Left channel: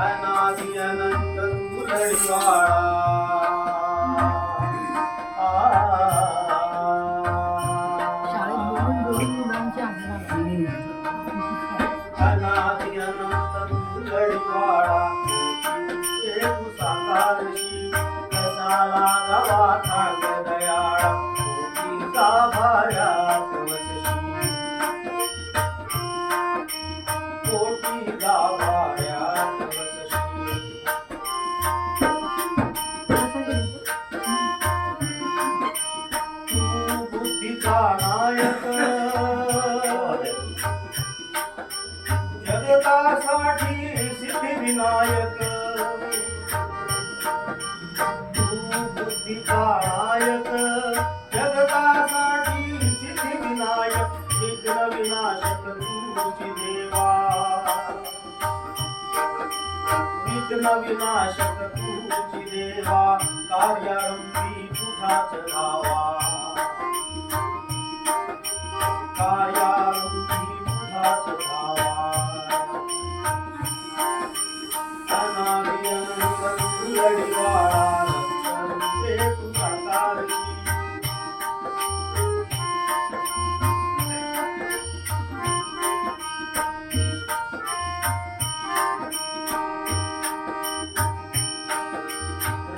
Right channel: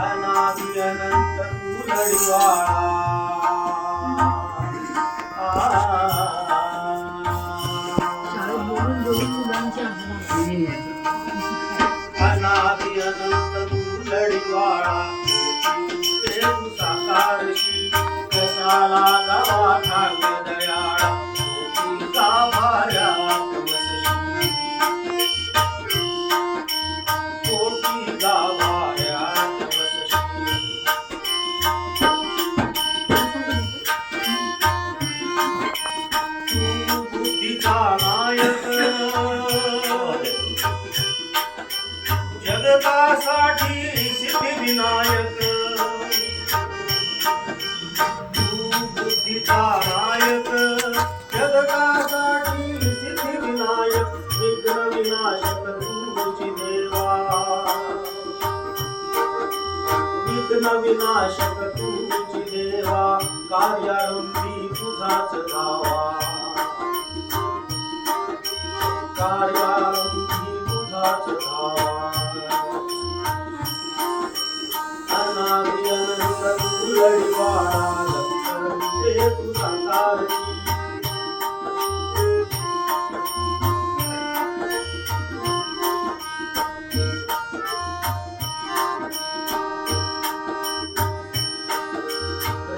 अनादि अनंत तू लढीवाळा अनादि अनंत तू लढीवाळा ते तू साकारशी कशाला गावा ठाक दयाळा मोठी गाभाऱ्यात वसशी मोठी गाभाऱ्यात वसशी तू बुद्धीचा नायक जगतासाठी सिद्धिविनायक तू बुद्धीचा नायक जगतासाठी सिद्धिविनायक विघ्न विनाशक तूची देवा विघ्न विनाशक तूची देवा कार्यारंभी तुझाच धावा कार्यारंभी तुझाच धावा अनादि अनंत तू लढीवाळा ते तू साकारशी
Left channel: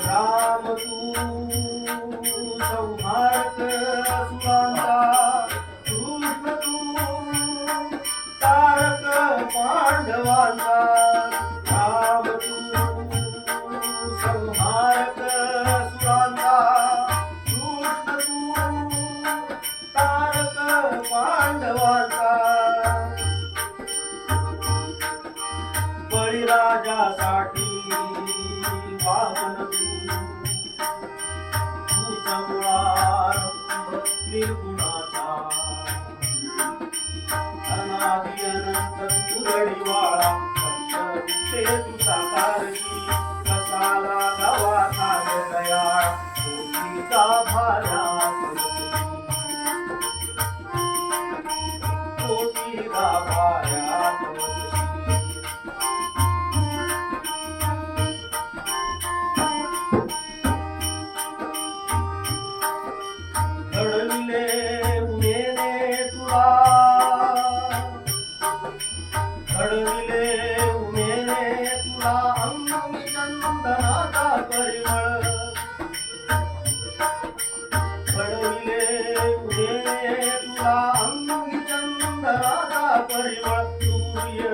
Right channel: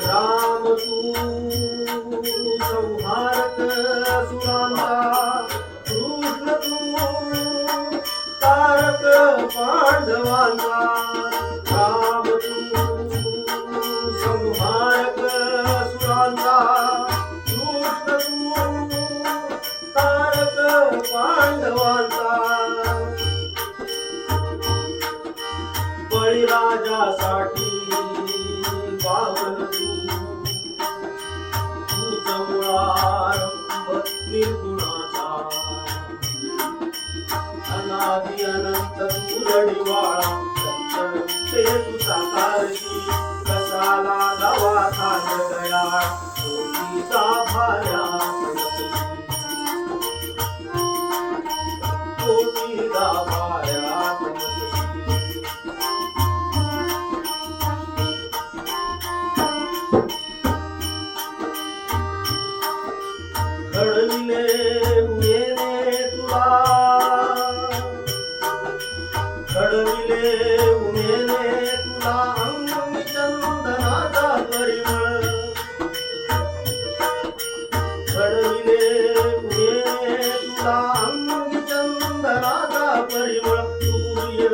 राम तू संहारक असुरांचा कृष्ण तू तारक पांडवांचा राम तू संहारक असुरांचा कृष्ण तू तारक पांडवांचा बळीराजासाठी पावन तूच मुळारंभ निर्गुणाचा अनादि अनंत तू लढीवाळा सत्य ते तू साकारशी कशाला गावा ठाक दयाळ मोठी गाभाऱ्यात वसशी मोठी गाभाऱ्यात वसशी घडविले उमेने तुला घडविले उमेने तुला अंगी चंदनाचा परिमळ घडविले उमेने तुला अंगी चंदनाचा परिमळ सूर्य